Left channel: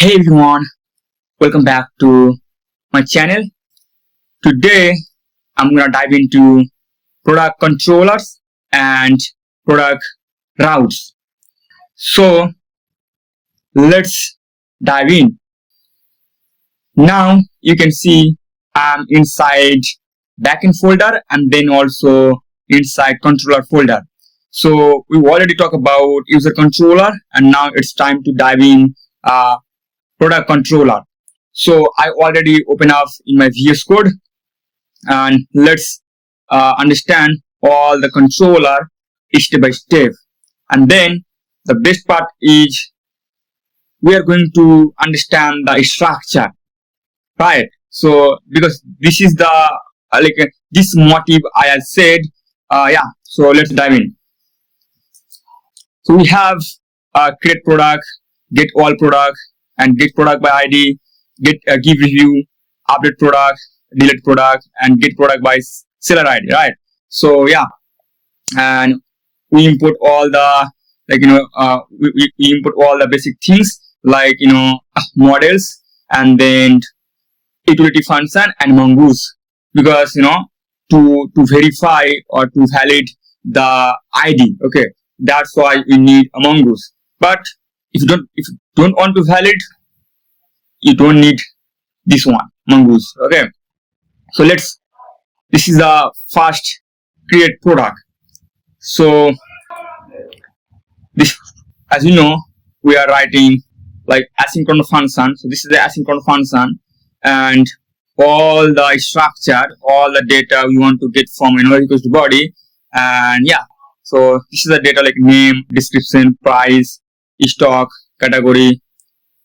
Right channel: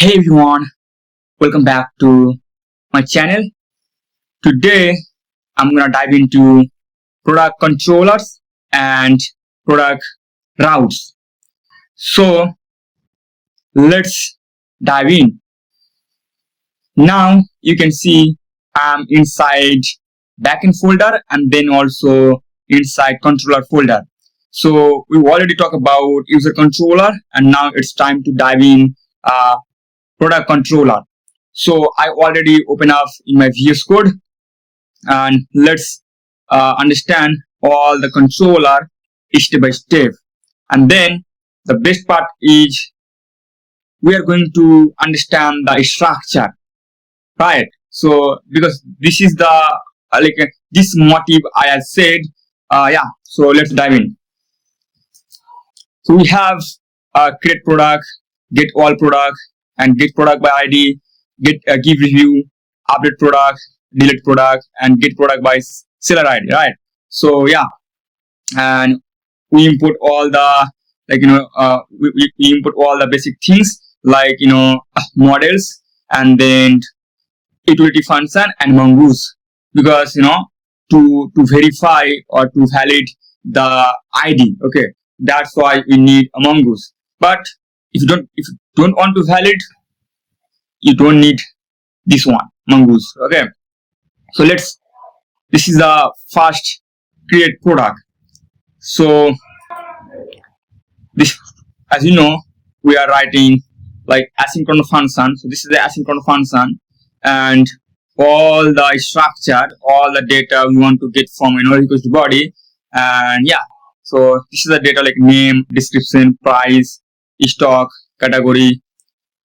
Hey everyone, welcome back to my channel. Today I'm gonna dive into product controllers and product routes. So let's dive in. Now you can see I'm inside backend folder and then also inside controller folder. So we already talked about user controller and now it's time to dive in product controller. So I already open up in my VS Code and let's understand all the controller step by step. And then the best part is we are going to understand the structure, right? So because this is the this motive I have said, So let's dive in. So we have create product, get all product, and get product by ID, get give review, update product, delete product, and get product by seller ID, right? So and we input all the we input all the basic things like models and then utility function and mongoose because to verify or to validate the ID. Okay, that's why we need a mongoose. But if you don't want to validate, you don't need this one mongoose. Okay, so this is the first create product. So this, as you know, we are writing like asynchronous function. So this is the asynchronous function and all the structure, all the data we want to get from equals to body. And so this is the data like name, description, price, stock, category,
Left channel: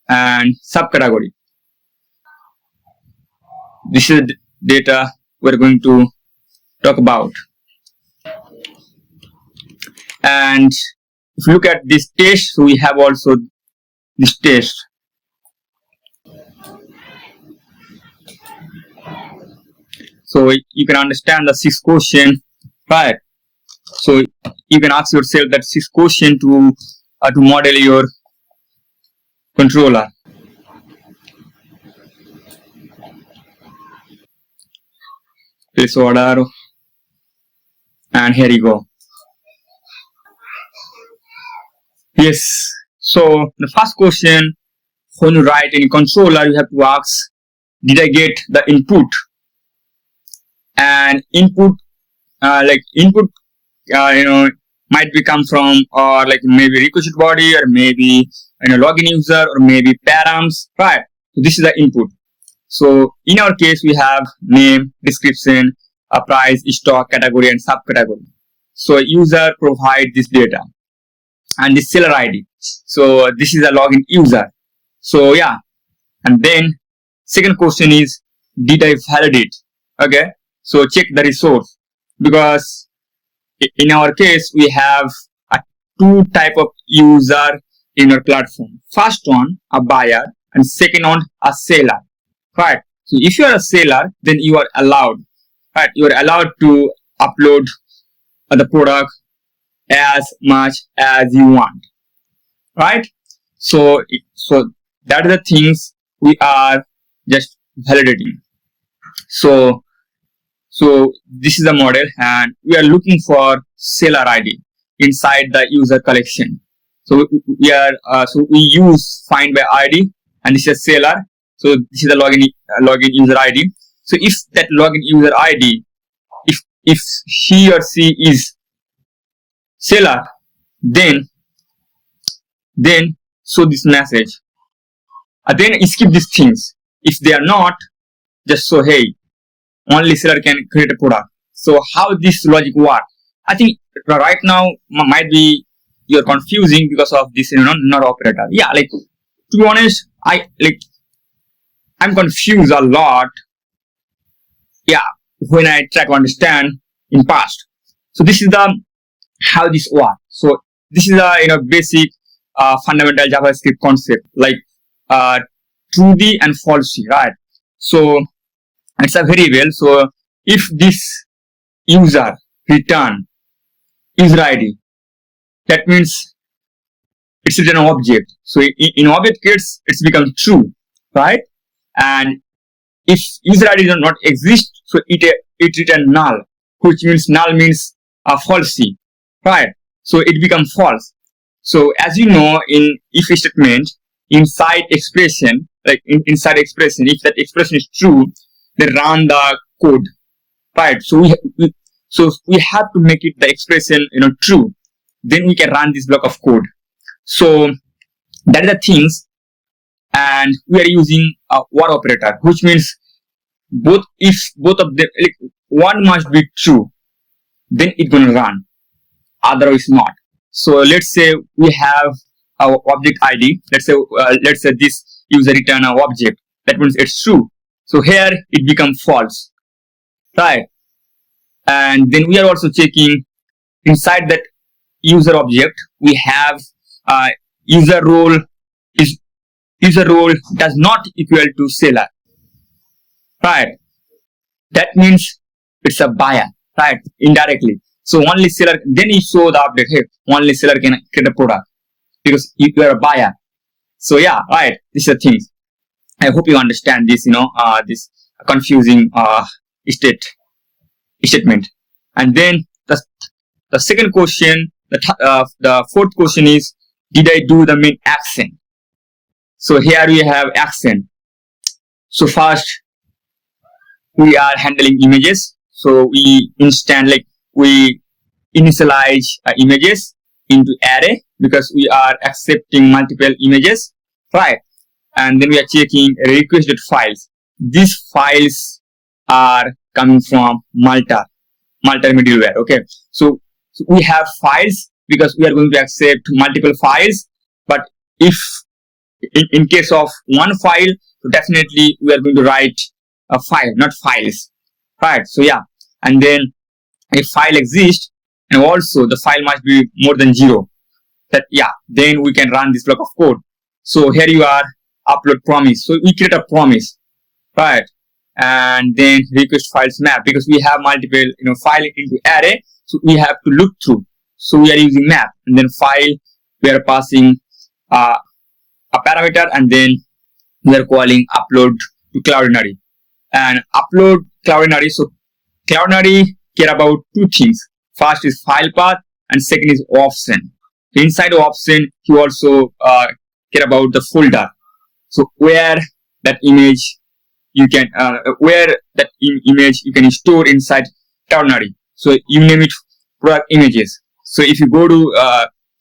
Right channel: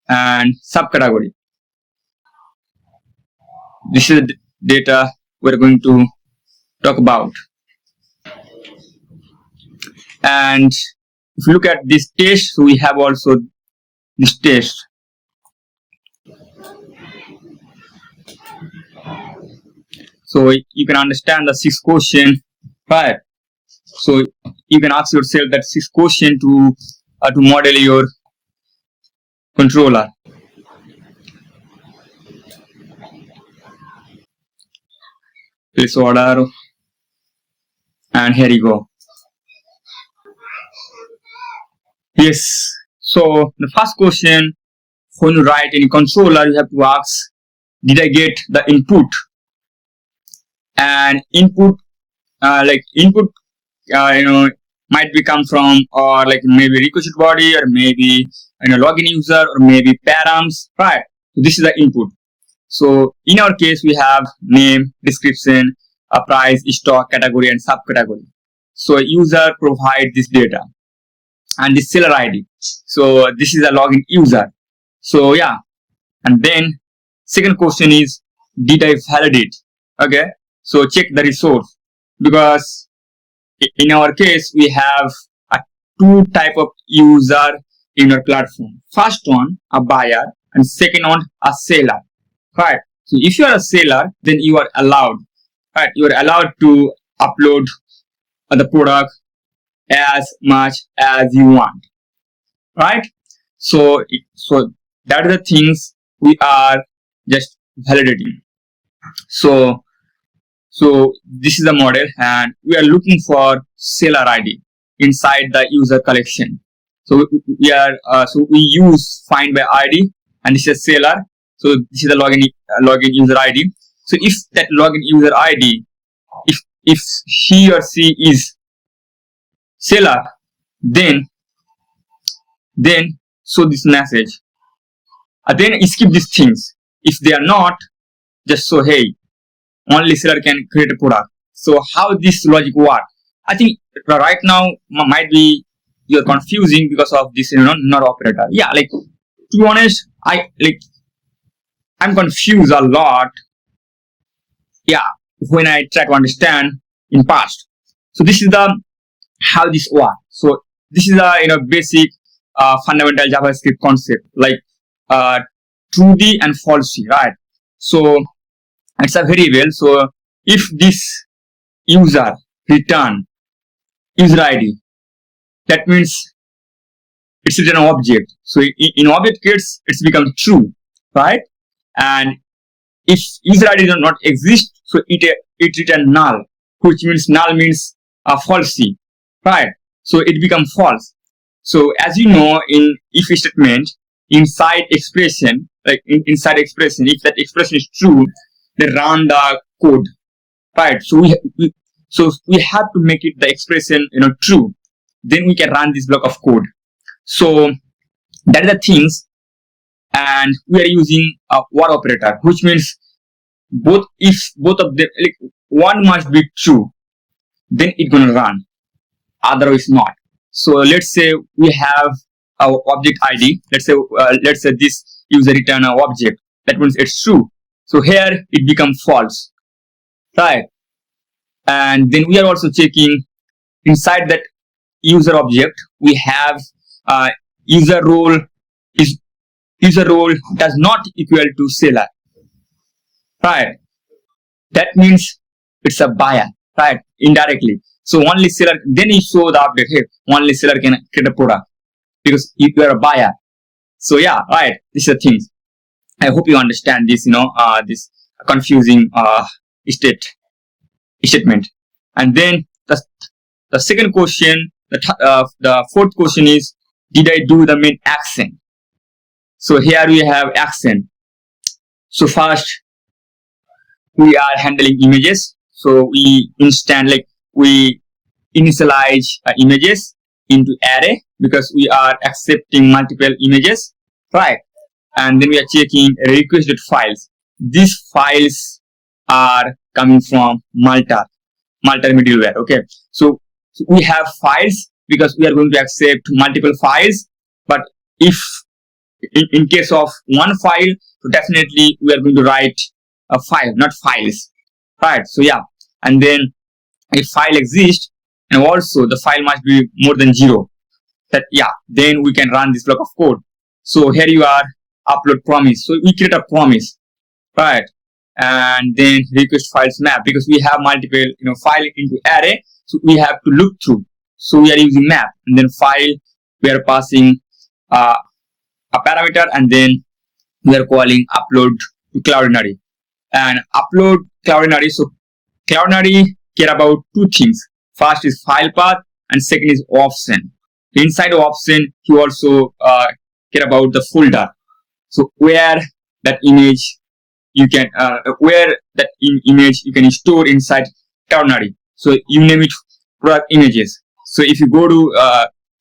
and subcategory. This is the data we're going to talk about. And if you look at this test, so we have also this test. So you can understand the 6 question, right? So you can ask yourself that 6 question to model your controller. Place order, and here you go. Yes, so the first question, when you write any controller, you have to ask, did I get the input? And input might be come from or like maybe requested body or maybe login user or maybe params, right? So this is the input. So in our case, we have name, description, price, stock, category, and subcategory. So user provide this data and this seller ID. So this is a login user. So and then second question is, did I validate? Okay, so check the resource because in our case we have two type of user in our platform. First one a buyer and second one a seller. Right. So if you are a seller, then you are allowed. Right. You are allowed to upload the product as much as you want. Right. So that are the things we are just validating. So this is the model, and we are looking for seller ID inside the user collection. So we use find by ID, and this is seller. So this is the login user ID. So if that login user ID, if he or she is seller, then show this message. And then skip these things. If they are not, just show hey, only seller can create a product. So how this logic works? I think right now might be you're confusing because of this not operator. To be honest, I'm confused a lot. When I try to understand in past. So this is the how this works. So this is a basic fundamental JavaScript concept like truth and false, right? So it's a variable. So if this user return user ID, that means it's written an object. So in object case, it's become true, right? And if user ID does not exist, so it return null, which means null means falsy, right? So it becomes false. So as you know, in if statement inside expression, like inside expression, if that expression is true, they run the code, right? So we have to make it the expression true. Then we can run this block of code. So that is the things, and we are using a or operator, which means if both of them, like one must be true, then it's gonna run. Otherwise not. So let's say we have our object ID. Let's say this user return an object. That means it's true. So here it becomes false, right? And then we are also checking inside that user object. We have user role does not equal to seller, right? That means it's a buyer, right? Indirectly. So only seller, then you show the update, hey, only seller can create a product because you are a buyer. So yeah, right. This is the thing. I hope you understand this, this confusing statement. And then the second question, the fourth question is, did I do the main action? So here we have action. So first, we are handling images. So we initialize images into array because we are accepting multiple images, right? And then we are checking requested files. These files are coming from Malta middleware. Okay, so we have files because we are going to accept multiple files. But if in case of one file, so definitely we are going to write a file, not files, right? So yeah, and then a file exists, and also the file must be more than 0. That yeah, then we can run this block of code. So here you are, upload promise. So we create a promise, right? And then request files map, because we have multiple file into array, so we have to look through. So we are using map, and then file we are passing a parameter, and then we are calling upload to Cloudinary. And upload Cloudinary. So Cloudinary care about two things. First is file path, and second is option. Inside of option, you also care about the folder. So where that image you can image you can store inside Cloudinary. So you name it product images. So if you go to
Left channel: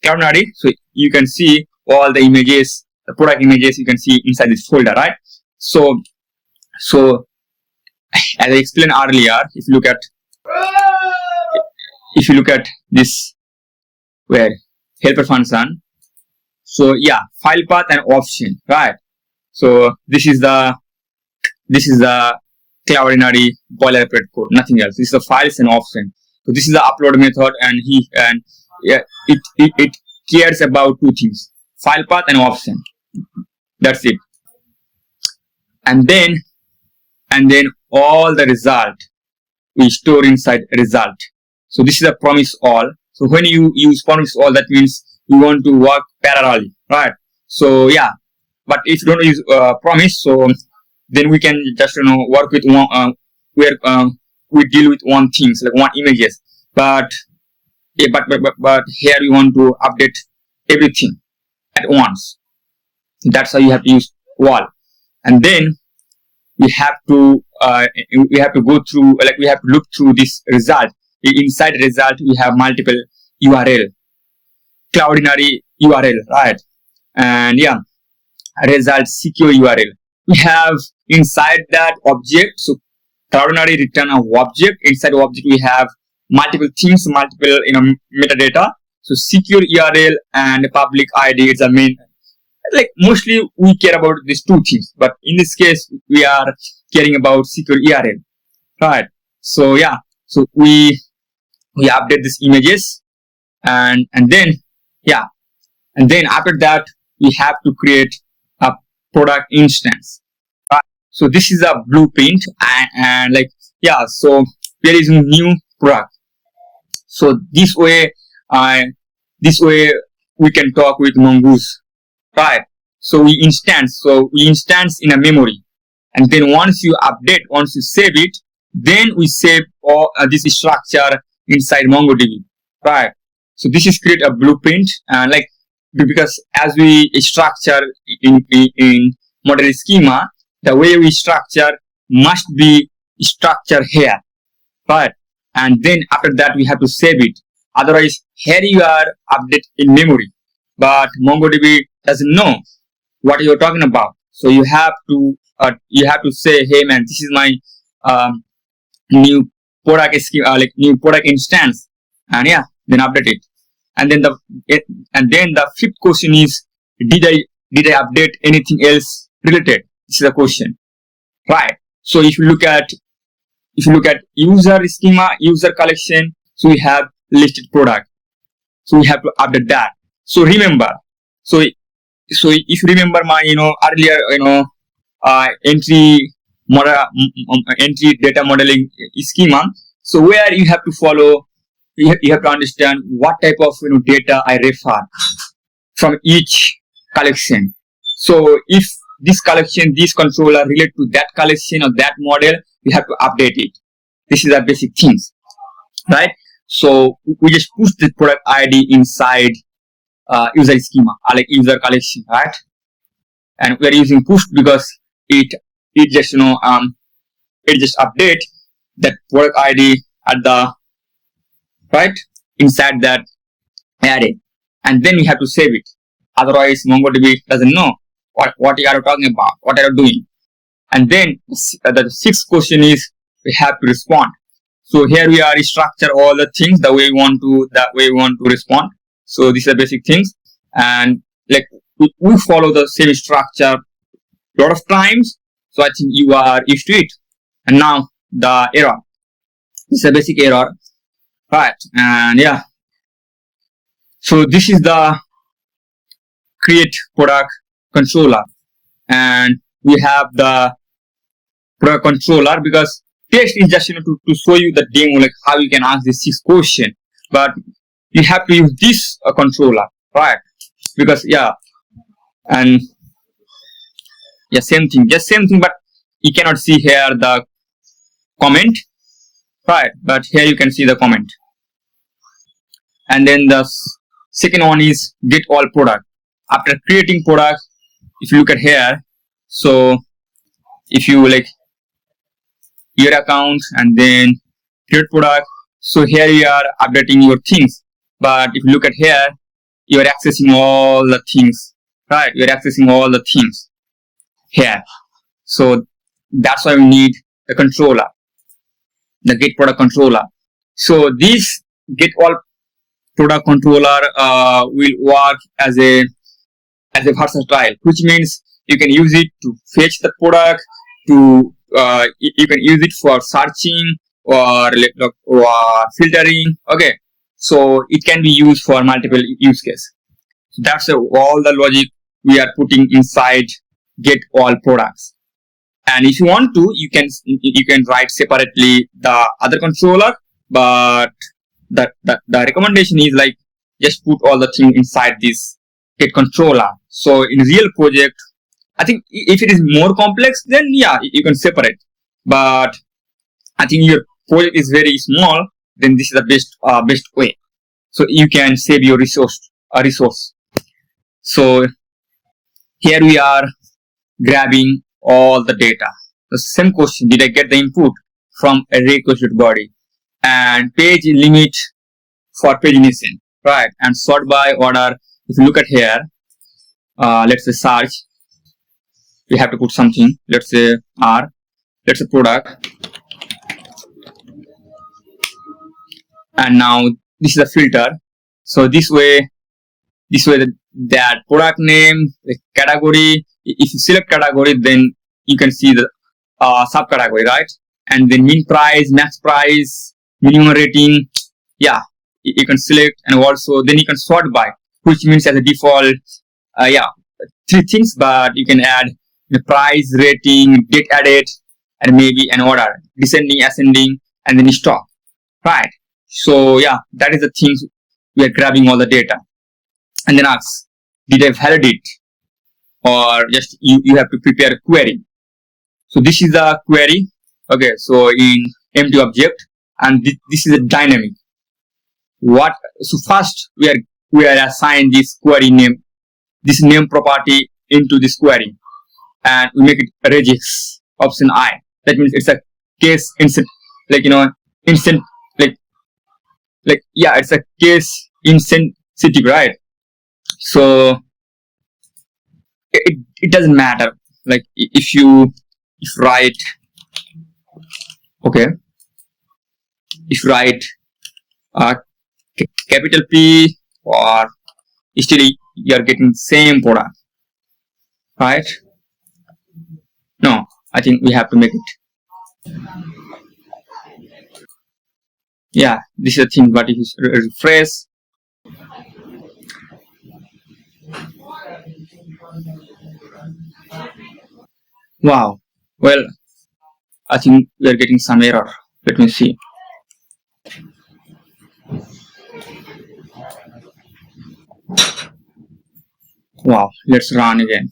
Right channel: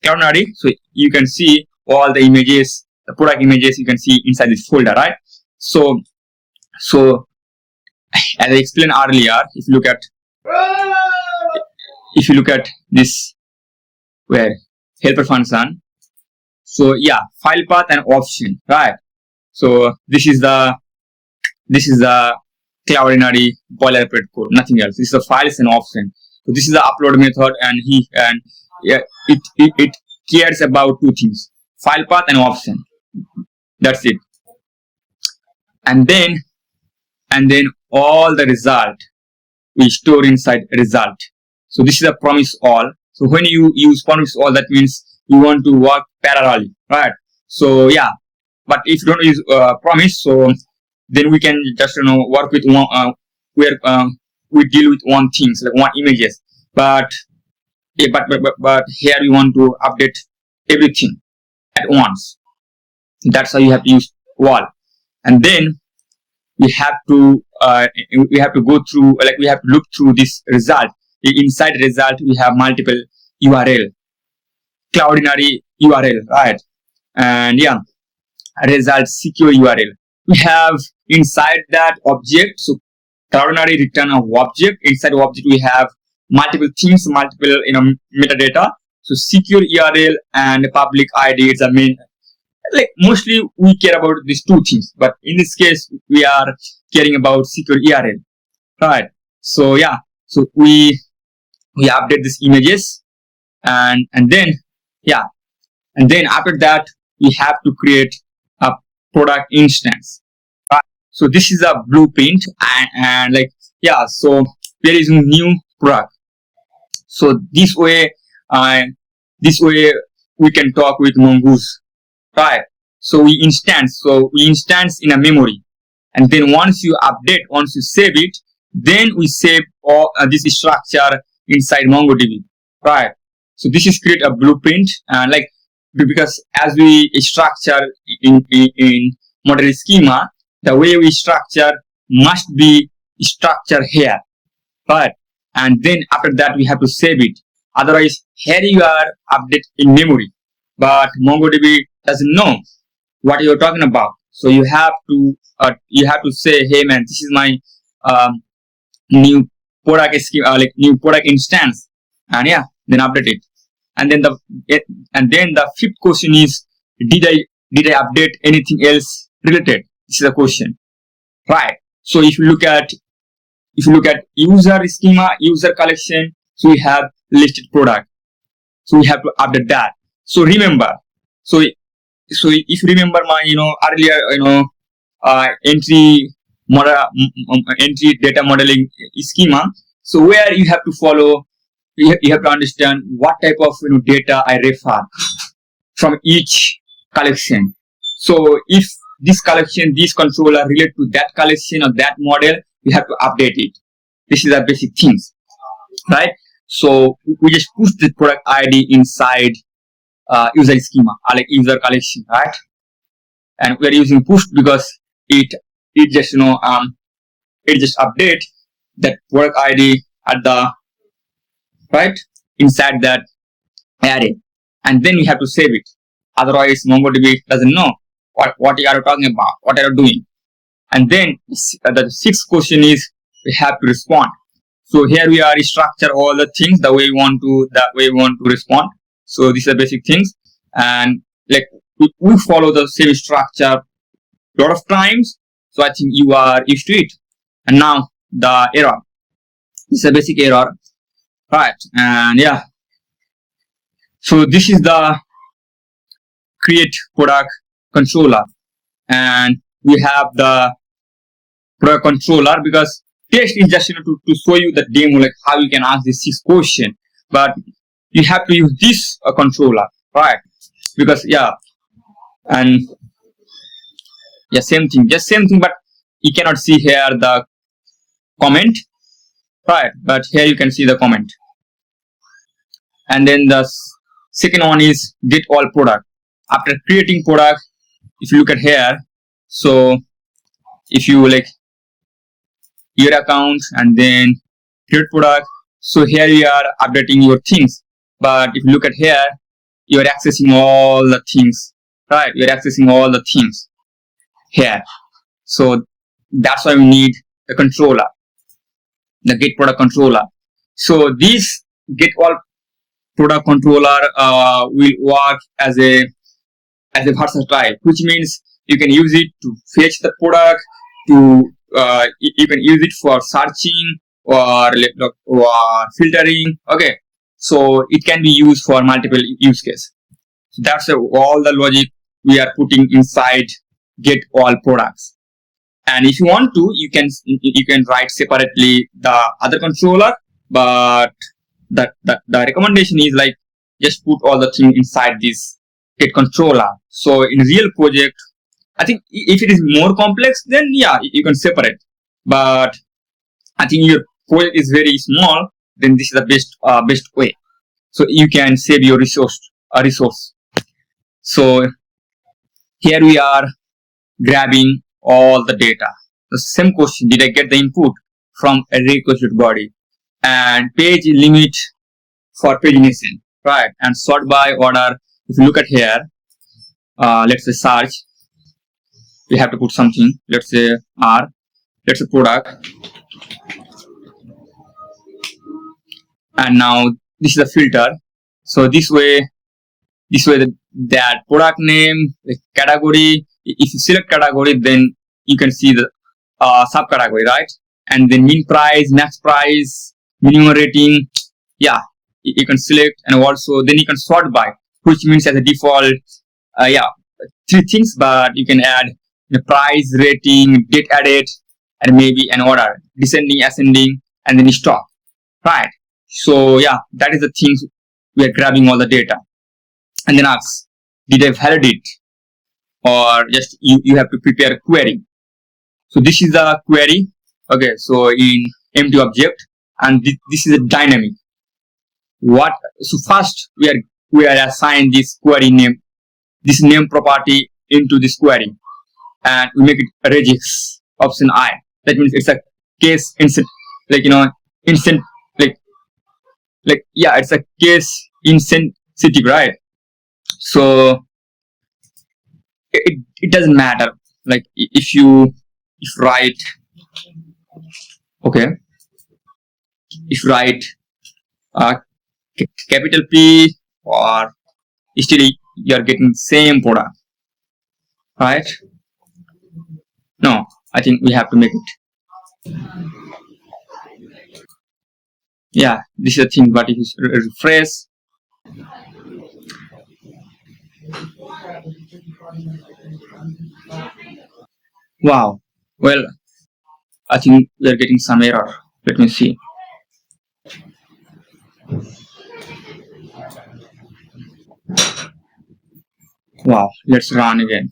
Cloudinary, so you can see all the images, the product images you can see inside this folder, right? So as I explained earlier, if you look at this where helper function, so yeah, file path and option, right? So this is the Cloudinary boilerplate code, nothing else. This is the files and option. So this is the upload method, and it cares about two things: file path and option. That's it. And then all the result we store inside result. So this is a promise all. So when you use promise all, that means you want to work parallelly, right? So yeah, but if you don't use promise, so then we can just work with one where we deal with one things, like one images. But yeah, but here you want to update everything at once. That's how you have to use wall. And then we have to go through, like we have to look through this result. Inside result we have multiple URL, Cloudinary URL, right? And yeah, result secure URL. We have inside that object, so Cloudinary return an object. Inside object we have multiple things, multiple metadata. So secure URL and public ID is the main. Like mostly we care about these two things, but in this case we are caring about secure URL, right? So yeah, so we update these images, and then after that we have to create a product instance. So this is a blueprint, and like yeah, so there is a new product. So this way we can talk with Mongoose, right? So we instance in a memory, and then once you save it, then we save all this structure inside MongoDB, right? So this is create a blueprint, and like, because as we structure in model schema, the way we structure must be structured here, right? And then after that we have to save it. Otherwise, here you are update in memory, but MongoDB doesn't know what you're talking about. So you have to say, hey man, this is my new product scheme, like new product instance, and yeah, then update it. And then the fifth question is, did I update anything else related? This is a question, right? So if you look at user schema, user collection, so we have listed product, so we have to update that. So remember, so if you remember my earlier entry data modeling schema, so where you have to follow, you have to understand what type of data I refer from each collection. So if this collection, this controller relate to that collection or that model, we have to update it. This is the basic things, right? So we just push the product ID inside user schema, or like user collection, right? And we are using push because it just it just update that product ID at the right inside that array, and then we have to save it. Otherwise, MongoDB doesn't know what you are talking about, what are you doing. And then the sixth question is, we have to respond. So here we are structure all the things the way we want to respond. So these are basic things, and like we follow the same structure a lot of times. So I think you are used to it. And now the error. This is a basic error, right? And yeah, so this is the create product controller, and we have the product controller because test is just to show you the demo, like how you can ask this 6 question, but you have to use this controller, right? Because and same thing, but you cannot see here the comment, right? But here you can see the comment. And then the second one is get all product. After creating product, if you look at here, so if you like your account and then create product, so here you are updating your things. But if you look at here, you are accessing all the things, right? You're accessing all the things here. So that's why we need a controller, the get product controller. So this get all product controller will work as a versatile, which means you can use it to fetch the product, you can use it for searching or filtering. Okay, so it can be used for multiple use cases. So that's all the logic we are putting inside get all products. And if you want to, you can write separately the other controller, but the recommendation is like just put all the things inside this get controller. So in real project, I think if it is more complex, then yeah, you can separate. But I think your project is very small, then this is the best way. So you can save your resource. So here we are grabbing all the data. The same question: did I get the input from a requested body? And page limit for pagination, right? And sort by order. If you look at here, let's say search. We have to put something. Let's say R. Let's say product. And now this is a filter. So this way that product name, the category. If you select category, then you can see the subcategory, right? And then min price, max price, minimum rating. Yeah, you can select, and also then you can sort by, which means as a default, 3 things, but you can add the price, rating, date added, and maybe an order, descending, ascending, and then stop, right? So yeah, that is the things we are grabbing all the data. and then asks, did I validate, or just you have to prepare a query. So this is the query. Okay, so in empty object, and this is a dynamic. So first we are assign this query name, this name property into this query, and we make it a regex option I. That means it's a case instant, like instant, yeah, it's a case insensitive, right? So it doesn't matter, like if write, okay, if write capital P, or still you are getting same product, right? No, I think we have to make it. Yeah, this is the thing, but if you refresh, wow, well, I think we are getting some error. Let me see. Wow, let's run again.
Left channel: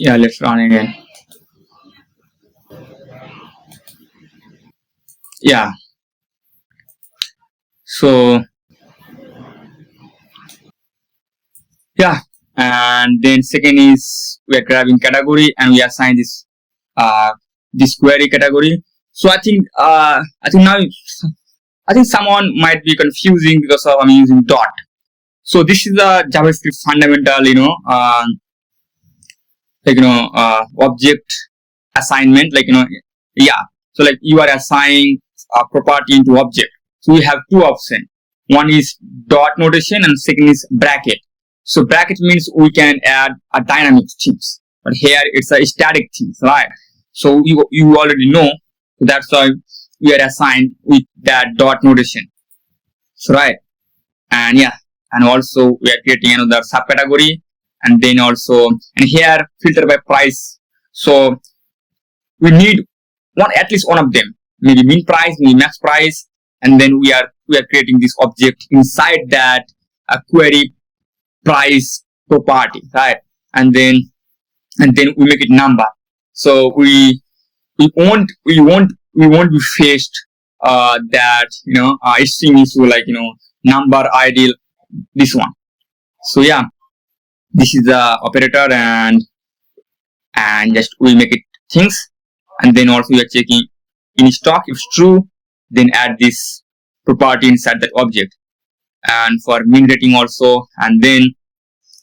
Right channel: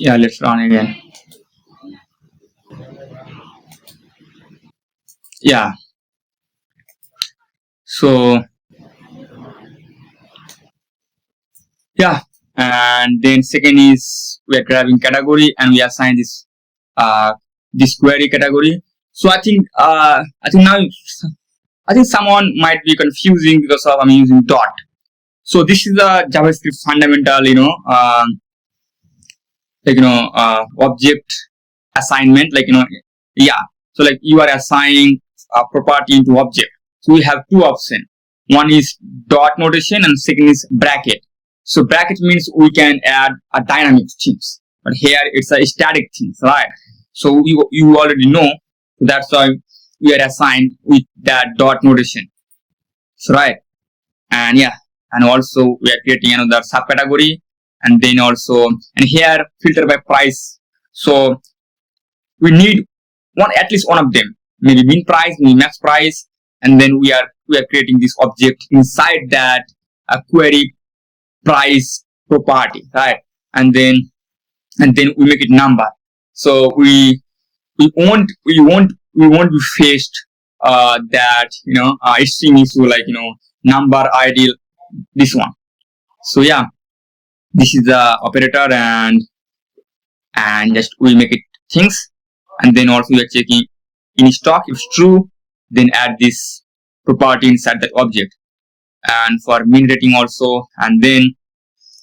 Yeah, let's run again. Yeah. So yeah, and then second is we are grabbing category and we assign this query category. So I think now someone might be confusing because of I'm using dot. So this is the JavaScript fundamental, object assignment, yeah. So like you are assigning a property into object. So we have two options. One is dot notation and second is bracket. So bracket means we can add a dynamic things, but here it's a static things, right? So you already know, so that's why we are assigned with that dot notation. So right, and yeah, and also we are creating another subcategory, and then also, and here filter by price. So we need at least one of them, maybe min price, maybe max price, and then we are creating this object inside that a query price property, right? And then we make it number. So we won't be faced that string issue, like number ID, this one. So yeah, this is the operator, and just we make it things, and then also we are checking in stock. If true, then add this property inside that object. And for min rating also, and then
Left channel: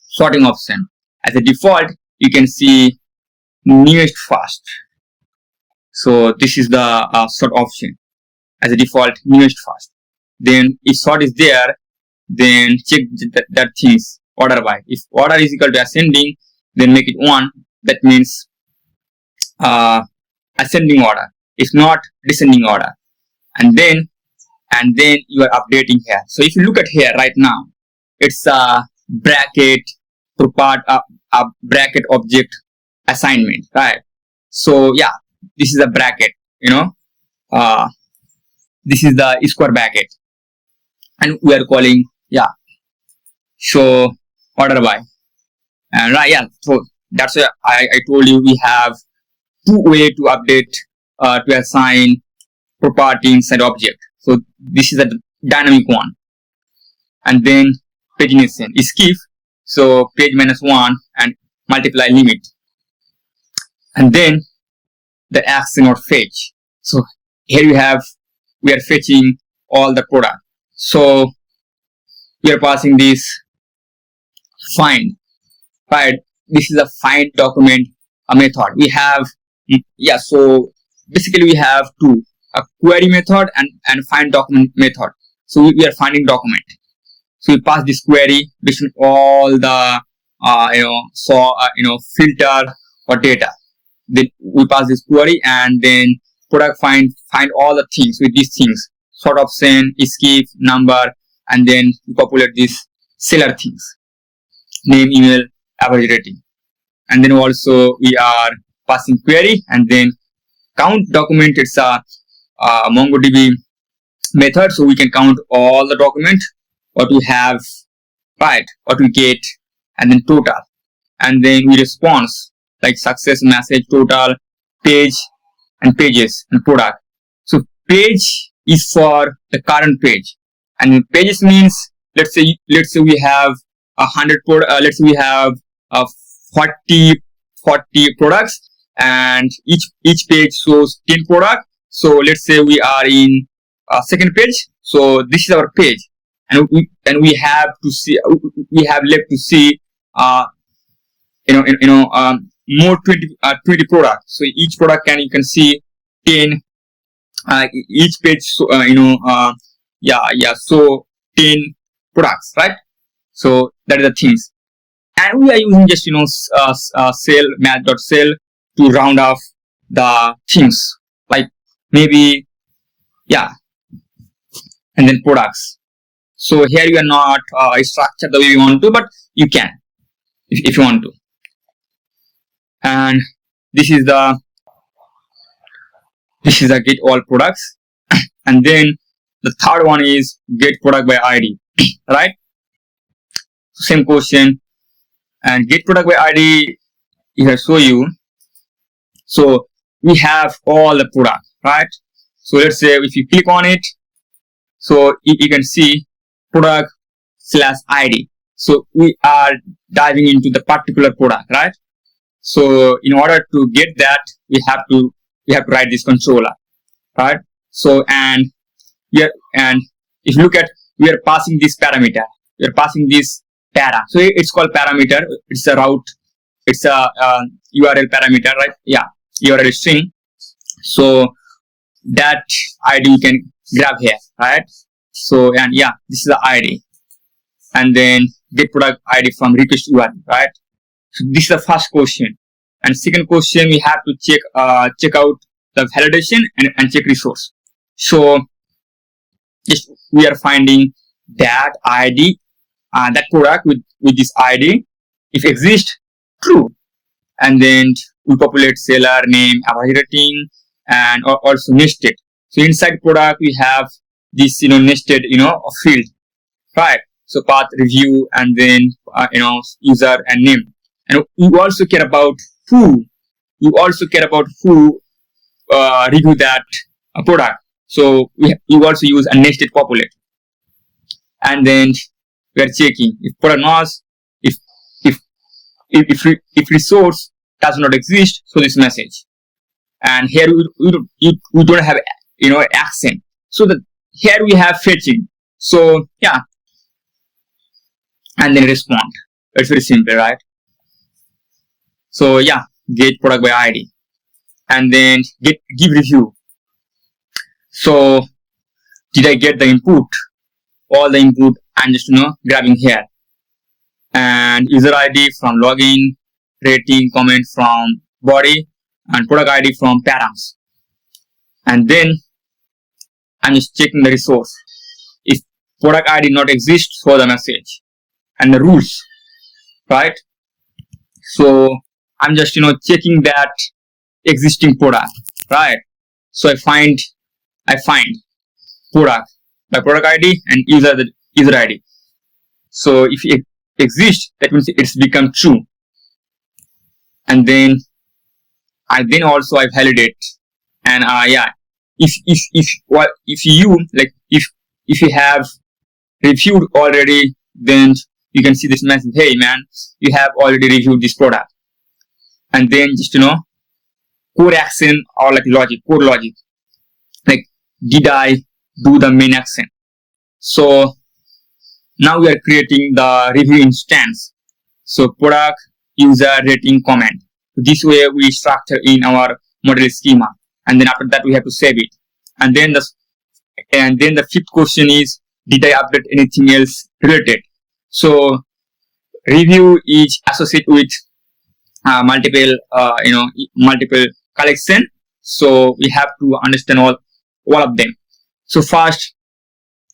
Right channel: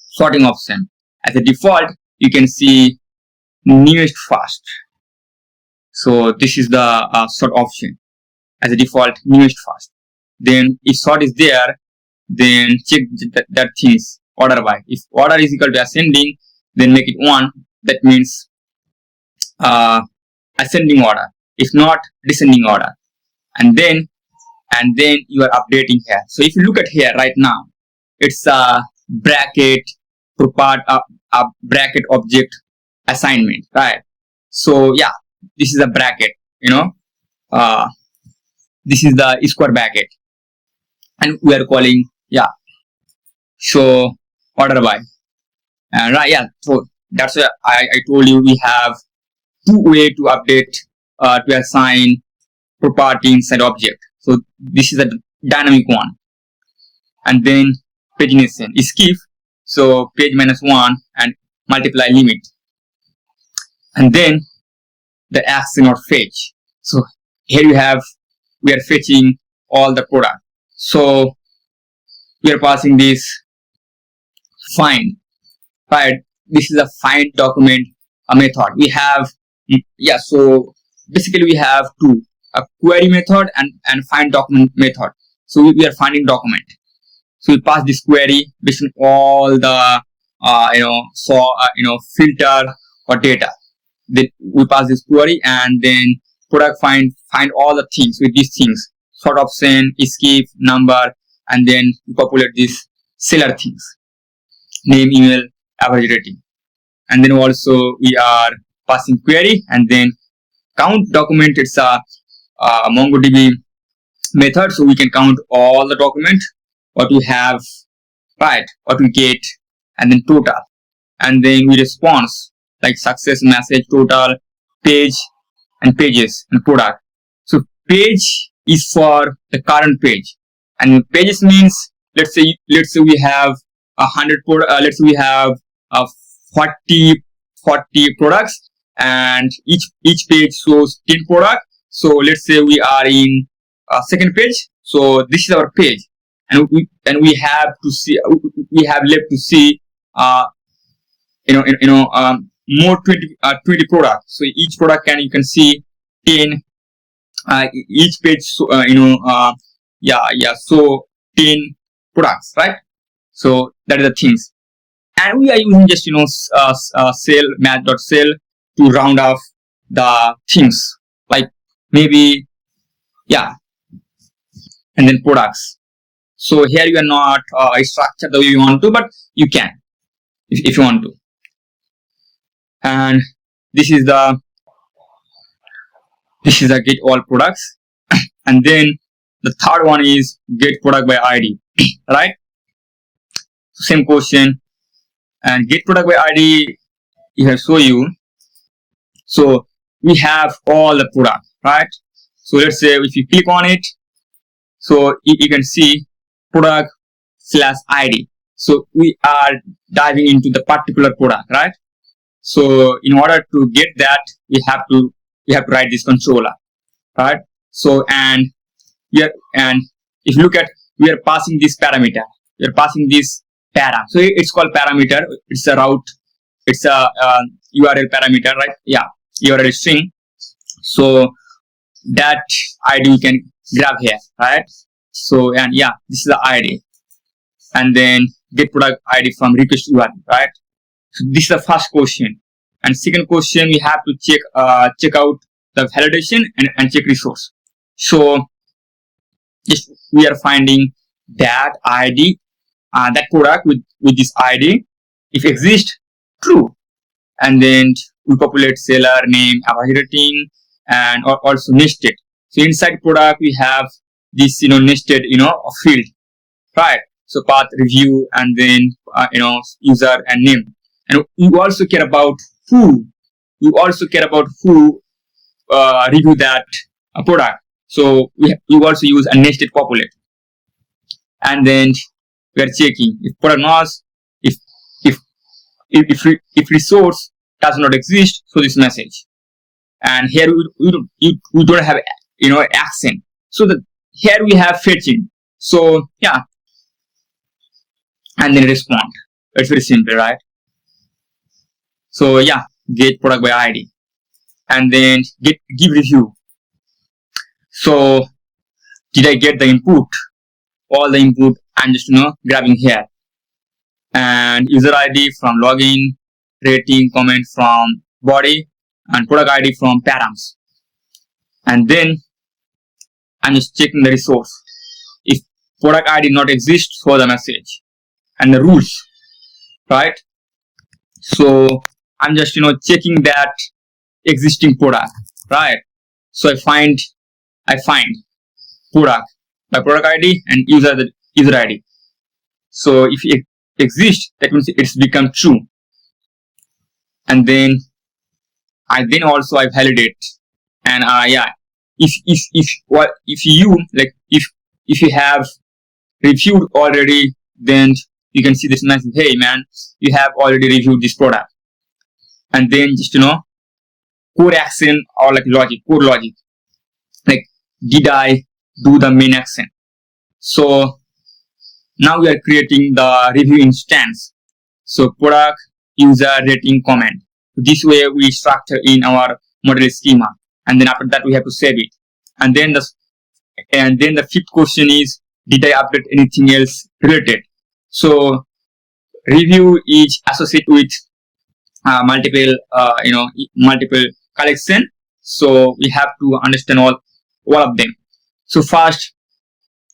sorting option. As a default, you can see newest first. So this is the sort option. As a default, newest first. Then if sort is there, then check that things order by. If order is equal to ascending, then make it 1. That means ascending order. If not, descending order. And then you are updating here. So if you look at here right now, it's a bracket bracket object assignment, right? So yeah, this is a bracket, this is the square bracket, and we are calling, yeah, so order by, and right, yeah. So that's why I told you we have two ways to update to assign property inside object. So this is a dynamic one, and then pagination is skip. So page -1 and multiply limit, and then the action or fetch. So here we are fetching all the product. So we are passing this find, right? This is a find document method. We have, yeah. So basically we have two, a query method and find document method. So we are finding document. So we pass this query based on all the filter or data. Then we pass this query, and then product find all the things with these things: sort option, skip, number, and then we populate these seller things: name, email, average rating. And then also we are passing query, and then count document. It's a MongoDB method, so we can count all the document what we have, right, what we get, and then total. And then we response like success, message, total, page, and pages, and product. So page is for the current page, and pages means let's say we have 100 let's say we have 40 products, and each page shows 10 product. So let's say we are in second page. So this is our page, and we have to see, we have left to see more 20 products. So each product you can see 10 each page. So so 10 products, right? So that is the things, and we are using just cell math.cell to round off the things, like maybe and then products. So here you are not structured the way you want to, but you can if you want to. And this is the get all products. And then the third one is get product by ID, right? Same question, and get product by ID here show you. So we have all the product, right? So let's say if you click on it, so you can see product / ID. So we are diving into the particular product, right? So in order to get that, we have to write this controller, right? So and if you look at, we are passing this parameter. We are passing this para. So it's called parameter. It's a route. It's a URL parameter, right? Yeah, URL string. So that ID you can grab here, right? So and this is the ID, and then get product ID from request URL, right? So this is the first question. And second question, we have to check out the validation and check resource. So just we are finding that ID, that product with this ID, if exists, true. And then we populate seller name, average rating, and also nested. So inside product we have this nested field, right? So path, review, and then user and name. And you also care about who review that product. So you also use a nested populate. And then we are checking if product was, if resource does not exist, so this message. And here we don't have accent. So here we have fetching. So and then respond. It's very simple, right? So get product by ID, and then give review. So did I get the input? All the input I'm just grabbing here, and user ID from login, rating, comment from body, and product ID from params. And then I'm just checking the resource. If product ID not exist, for the message and the rules, right? So I'm just checking that existing product, right? So I find product, the product ID, and user ID. So if it exists, that means it's become true. And then I validate, and if you have reviewed already, then you can see this message, hey man, you have already reviewed this product. And then just core action or like core logic, like did I do the main action? So now we are creating the review instance. So product, user, rating, comment. This way we structure in our model schema, and then after that we have to save it. And then the fifth question is, did I update anything else related? So review is associated with multiple collection. So we have to understand all of them. So first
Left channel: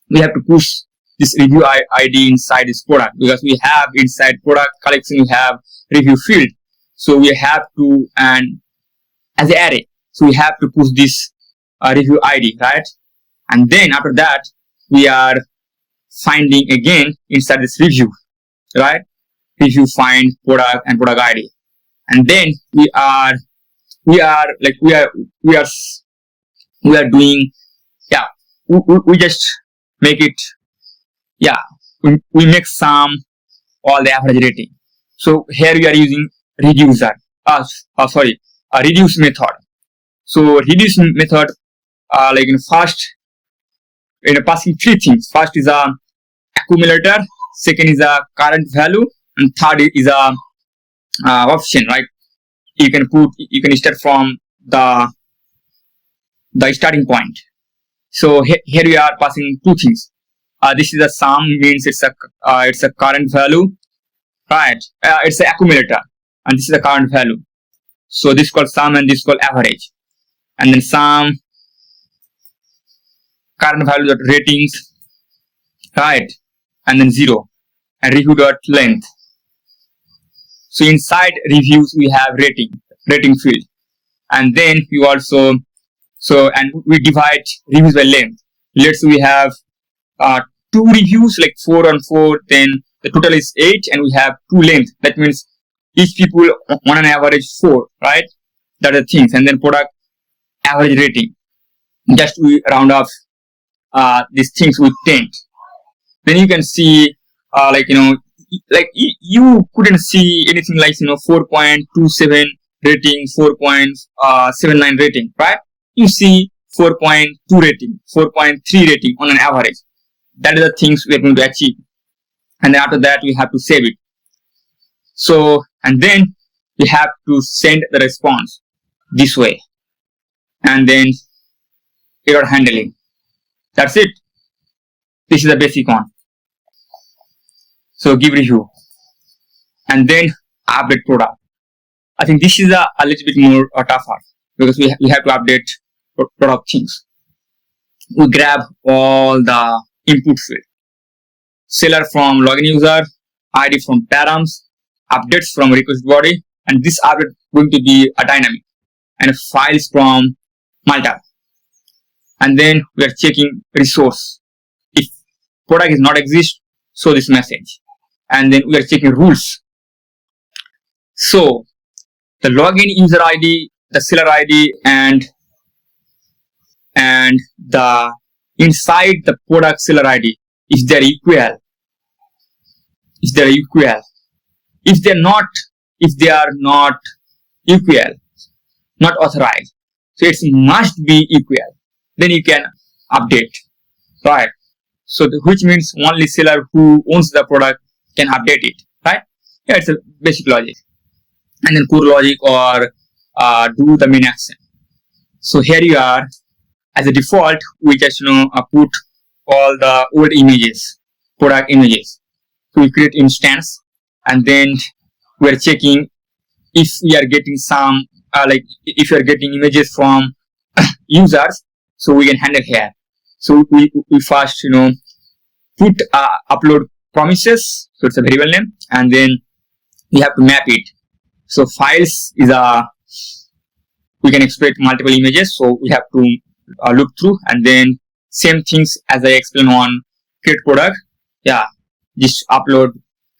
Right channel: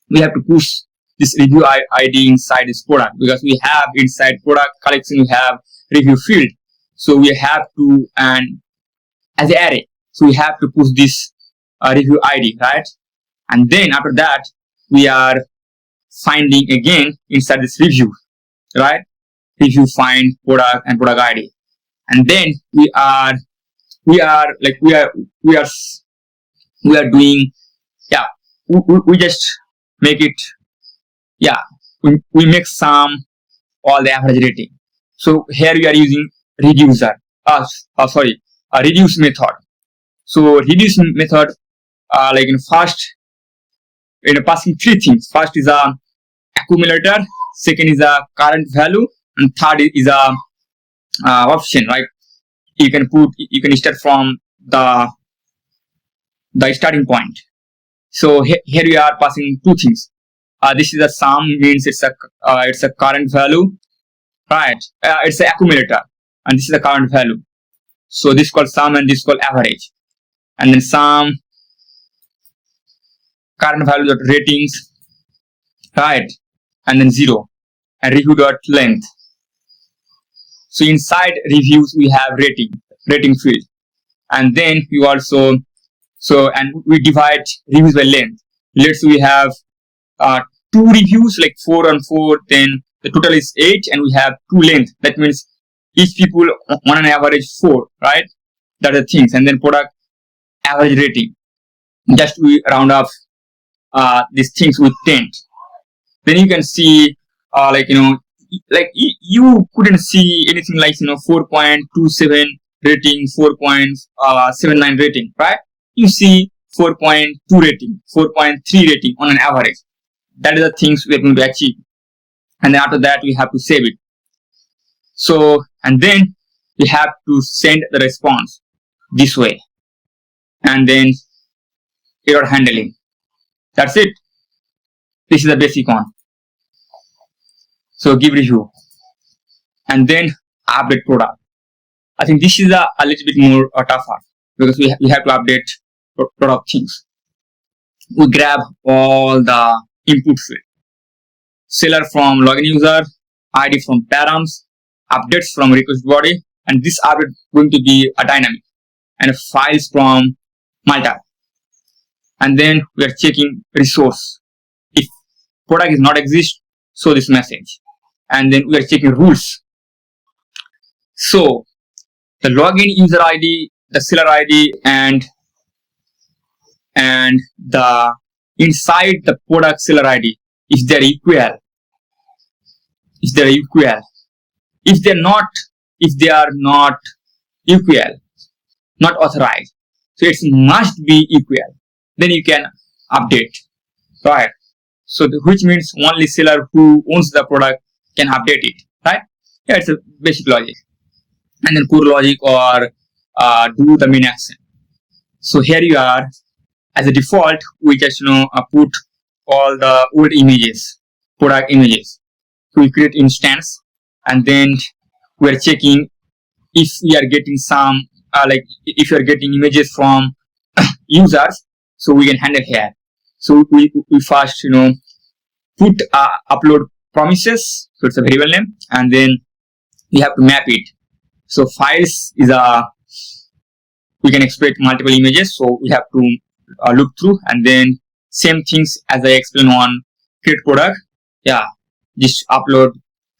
we have to push this review ID inside this product, because we have inside product collection, we have review field. So we have to, and as an array, so we have to push this review ID, right? And then after that, we are finding again inside this review, right? Review find product and product ID. And then we are doing, yeah, we just make it, yeah, we make some all the average rating. So here we are using reducer, a reduce method. So reduce method, like in first, passing three things. First is a accumulator, second is a current value, and third is a option, right? You can start from the starting point. So here we are passing two things. This is a sum, means it's a current value, right? It's an accumulator, and this is the current value. So this is called sum, and this is called average. And then sum, current value dot ratings, right? And then 0, and review dot length. So inside reviews we have rating field, and then we also, and we divide reviews by length. Let's say we have 2 reviews, like 4 on 4, then the total is 8, and we have 2 length. That means each people on an average 4, right? That are the things. And then product average rating, just we round off these things with 10. Then you can see, you couldn't see anything like 4.27 rating, 4.79 rating, right? You see 4.2 rating, 4.3 rating on an average. That is the things we are going to achieve. And then after that, we have to save it. So, and then we have to send the response this way. And then error handling. That's it. This is the basic one. So give review. And then update product. I think this is a little bit more tougher, because we have to update product things. We grab all the input field. Seller from login user, ID from params, updates from request body, and this update going to be a dynamic, and files from Malta. And then we are checking resource. If product is not exist, show this message. And then we are checking rules. So the login user ID, the seller ID, and the inside the product seller ID, if they're equal. If they are not equal, not authorized, so it must be equal, then you can update, right? So which means only seller who owns the product can update it, right? Yeah, it's a basic logic. And then core logic, or do the main action. So here you are, as a default, we just put all the old images, product images. So we create instance, and then we are checking if we are getting some, if you are getting images from users, so we can handle here. So we first put upload promises, so it's a variable name, and then we have to map it. So files is we can expect multiple images, so we have to look through, and then same things as I explained on create product. Yeah, just upload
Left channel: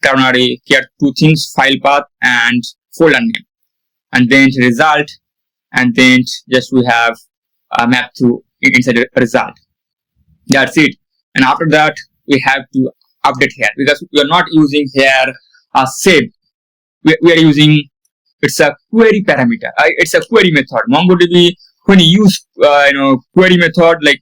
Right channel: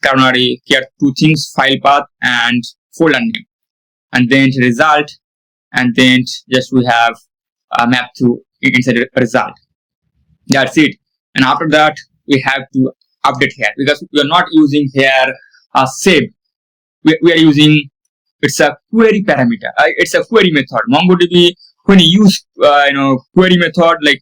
Cloudinary, create 2 things, file path and folder name, and then result, and then just we have a map to inside the result. That's it. And after that, we have to update here, because we are not using here save. We are using, it's a query parameter. It's a query method. MongoDB, when you use query method, like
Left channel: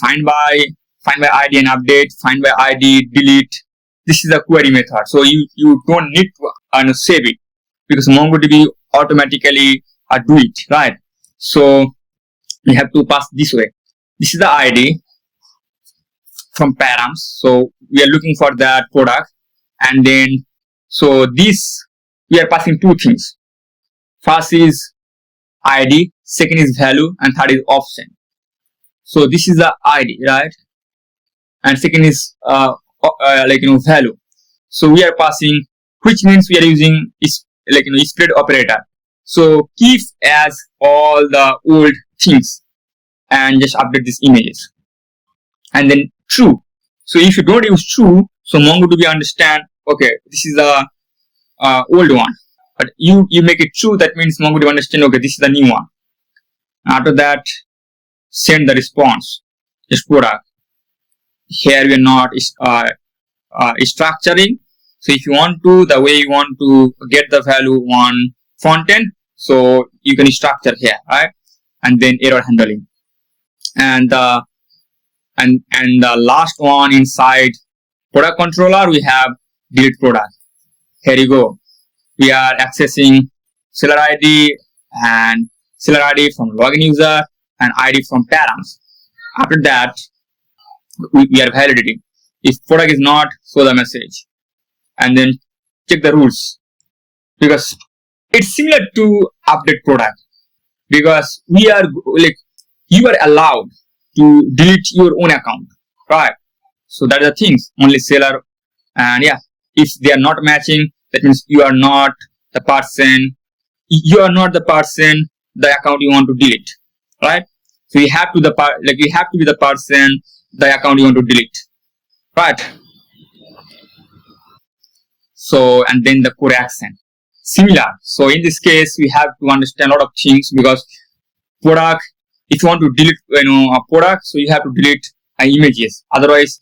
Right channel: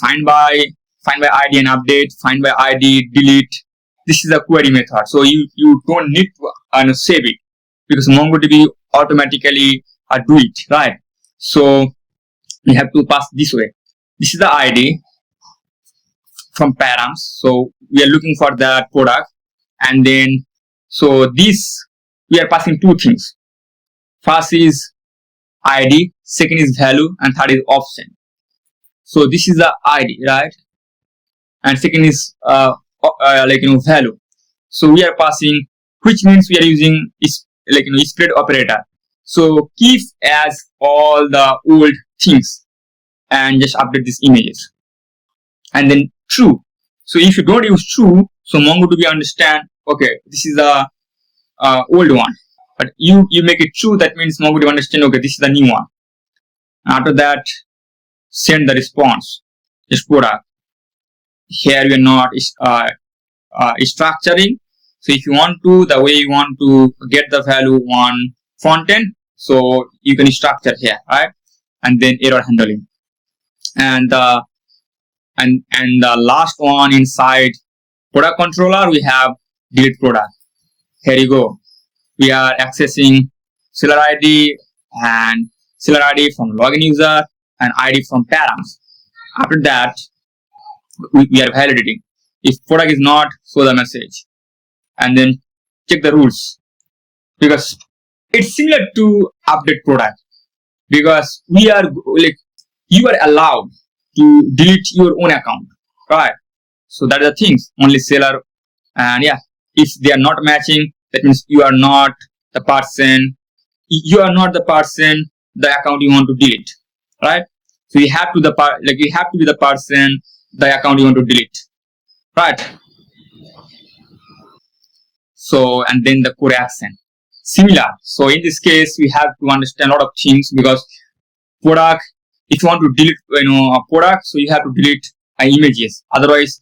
find by ID and update, find by ID, delete. This is a query method. So you don't need to save it, because MongoDB automatically do it, right? So we have to pass this way. This is the ID from params. So we are looking for that product, and then so this we are passing 2 things. First is ID, second is value, and third is option. So this is the ID, right? And second is value. So we are passing, which means we are using is split operator. So keep as all the old things and just update these images. And then true. So if you don't use true, so MongoDB understand, okay, this is the old one. But you make it true, that means MongoDB understand, okay, this is the new one. After that, send the response. Just product. Here we are not structuring. So if you want to, the way you want to get the value on Frontend, so you can structure here, right? And then error handling. And the last one inside product controller, we have delete product. Here you go. We are accessing seller ID and seller ID from login user and ID from params. After that, we are validating. If product is not, show the message. And then check the rules. Because it's similar to update product. Because we are you are allowed to delete your own account, right? So that are the things, only seller. And yeah, if they are not matching, that means you are not the person, the account you want to delete, right? So you have to you have to be the person, the account you want to delete, right? So, and then the core action, similar. So in this case, we have to understand a lot of things, because product, if you want to delete a product, so you have to delete images. Otherwise,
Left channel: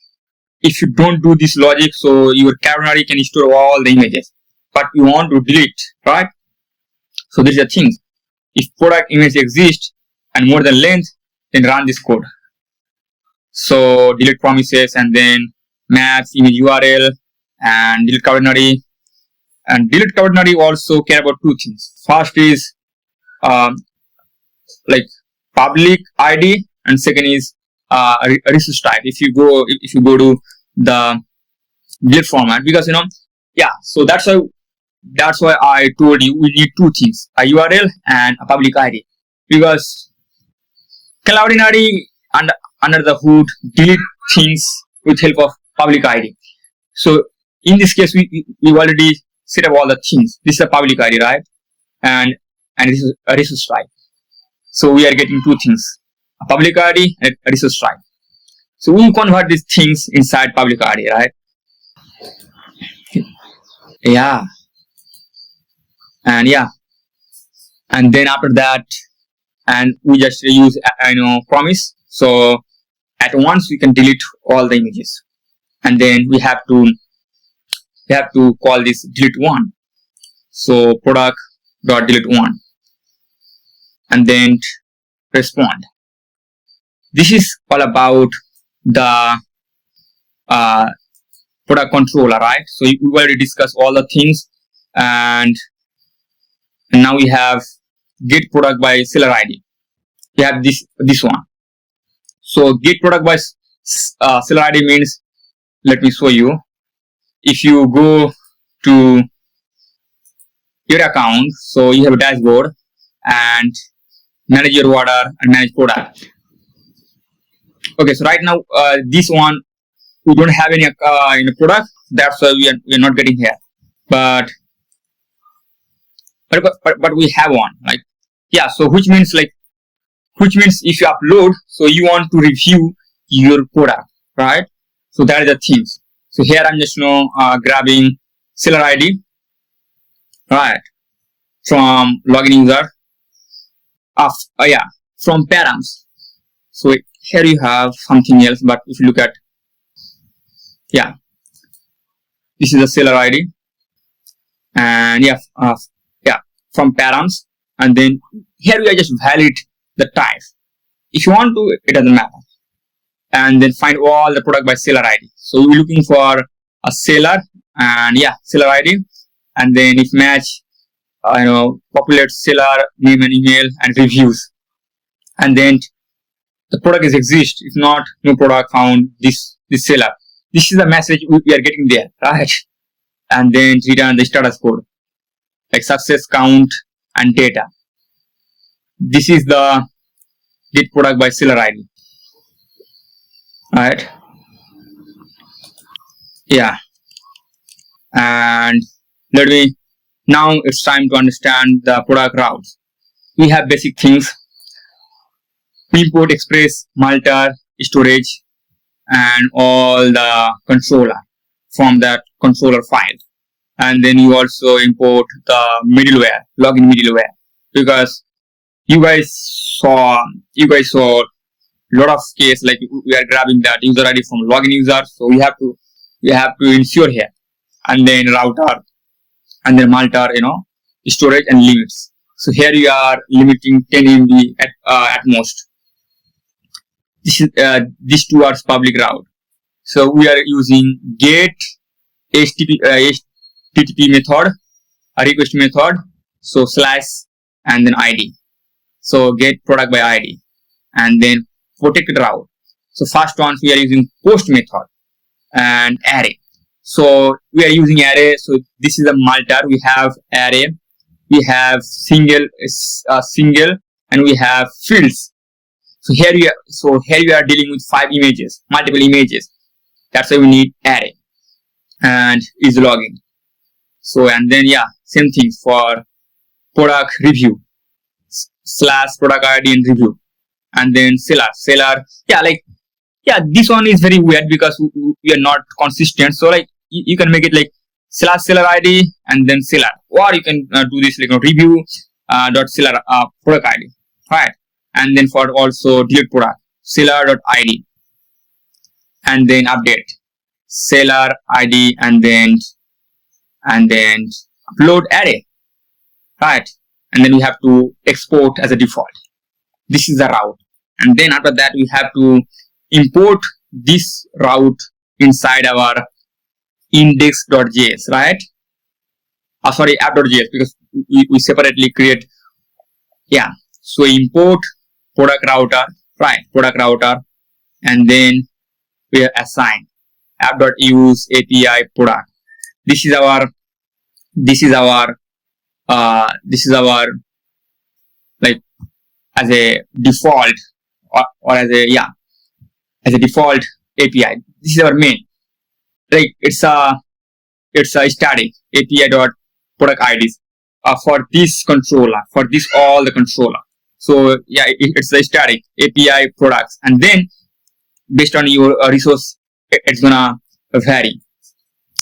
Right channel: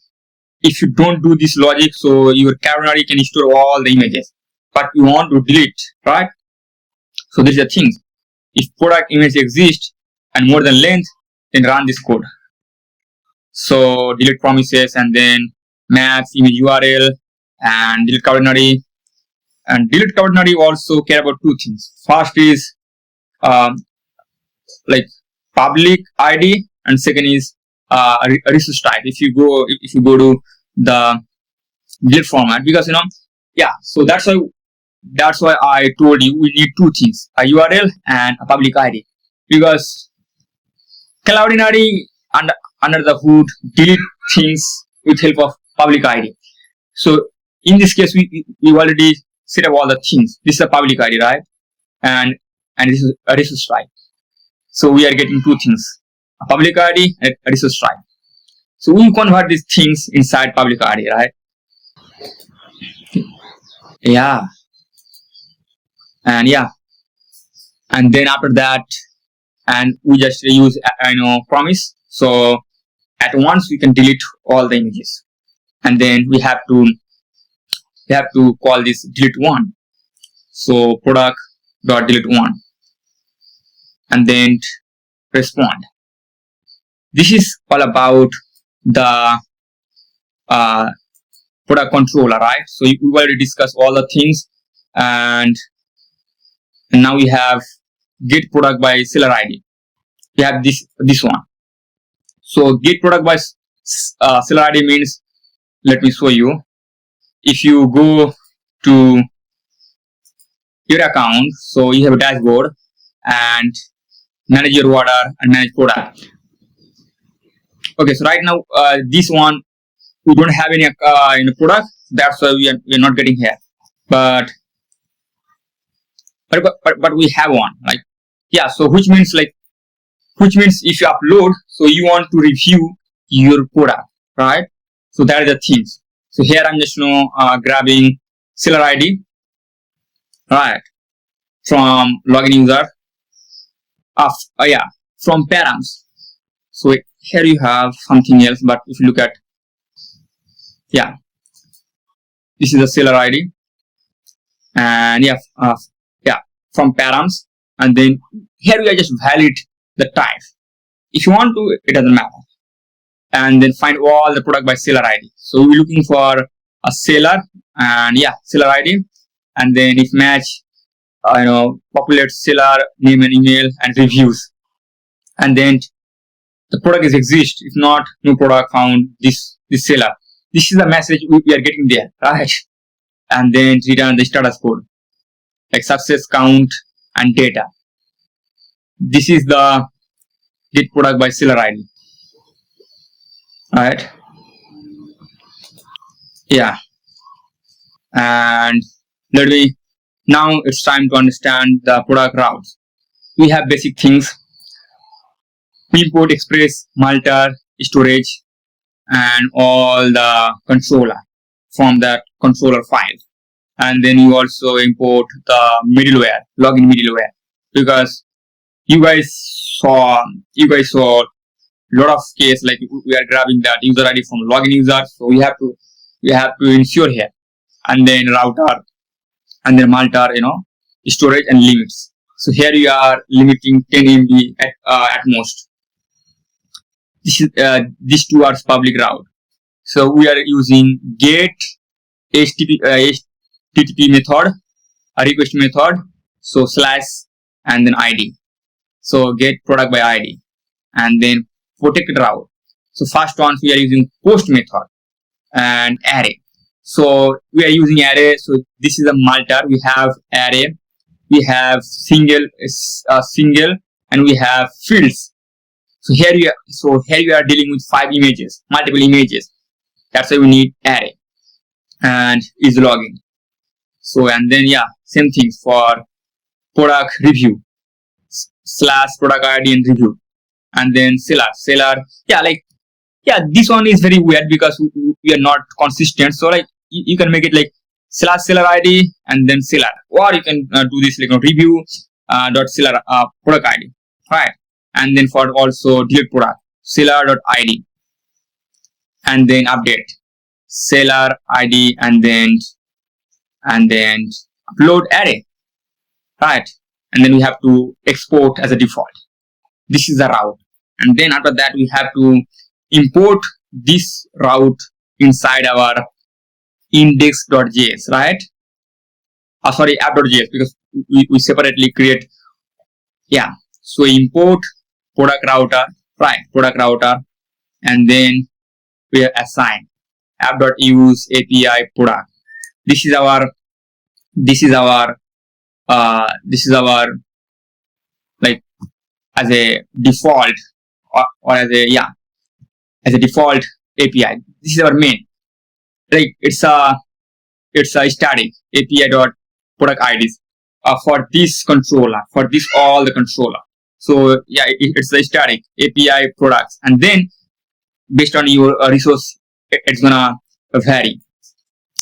if you don't do this logic, so your Cloudinary can store all the images, but you want to delete, right? So these are things. If product image exists and more than length, then run this code. So delete promises, and then match image URL, and delete Cloudinary. And delete Cloudinary also care about two things. First is public ID, and second is resource type. If you go to the delete format, because so that's why I told you we need two things, a URL and a public ID, because Cloudinary under the hood delete things with help of public ID. So in this case, we already set up all the things. This is a public ID, right? And this is a resource type. So we are getting two things, a public ID and a resource type. So we convert these things inside public ID, right? Yeah. And then after that, and we just use promise. So at once we can delete all the images, and then we have to call this delete one. So product dot delete one, and then respond. This is all about the product controller, right? So we already discussed all the things, and now we have get product by seller ID. We have this one. So get product by seller ID means, let me show you. If you go to your account, so you have a dashboard and manage your order and manage product. Okay, so right now this one we don't have any product, that's why we are not getting here. But we have one, so which means if you upload, so you want to review your product, right? So that are the things. So here I'm just grabbing seller ID, right, from login user from params. So here you have something else, but if you look at, this is the seller ID, and from params, and then here we are just validate the type. If you want to, it doesn't matter. And then find all the product by seller ID. So we're looking for a seller, and seller ID, and then if match, populate seller name and email and reviews, and then the product is exist. If not, no product found, this seller. This is the message we are getting there, right? And then return the status code, like success count and data. This is the get product by seller ID, right? Yeah, and let me now it's time to understand the product routes. We have basic things: we import Express, Malta, storage, and all the controller from that controller file. And then you also import the middleware, login middleware, because you guys saw a lot of case like we are grabbing that user ID from login user, so we have to ensure here, and then router, and then Malta, storage and limits. So here you are limiting 10 MB at most. These two are public route. So we are using get HTTP method, a request method, so slash and then ID. So get product by ID, and then protected route. So first one we are using post method and array. So we are using array. So this is a Malta. We have array, we have single, and we have fields. So here we are dealing with multiple images. That's why we need array and is logging. So and then same thing for product review / product ID and review, and then seller. This one is very weird because we are not consistent. So like you can make it like / seller ID and then seller, or you can do this like review dot seller product ID, right? And then for also delete product seller dot ID, and then update seller ID, and then upload array, right? And then we have to export as a default. This is the route, and then after that we have to import this route inside our index.js, right? Sorry, app.js, because we separately create. So import product router, right? Product router, and then we assign app.use API product. This is our like as a default or as a default API. This is our main. Like it's a static API dot product IDs for this controller, for this all the controller. So it's a static API products, and then based on your resource, it's gonna vary.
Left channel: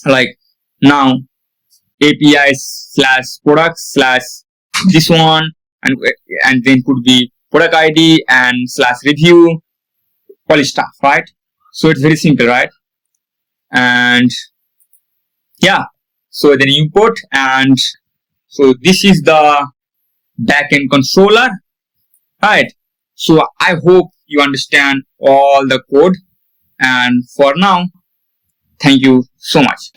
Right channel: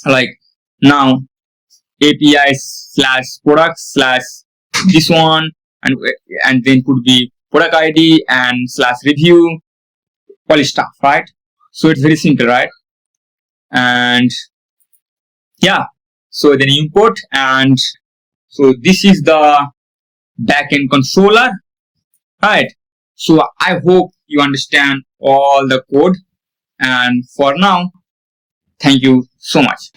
Like now API / products / this one, and then could be product ID and / review, all stuff, right? So it's very simple, right? And so then import, and so this is the backend controller, right? So I hope you understand all the code, and for now, thank you so much.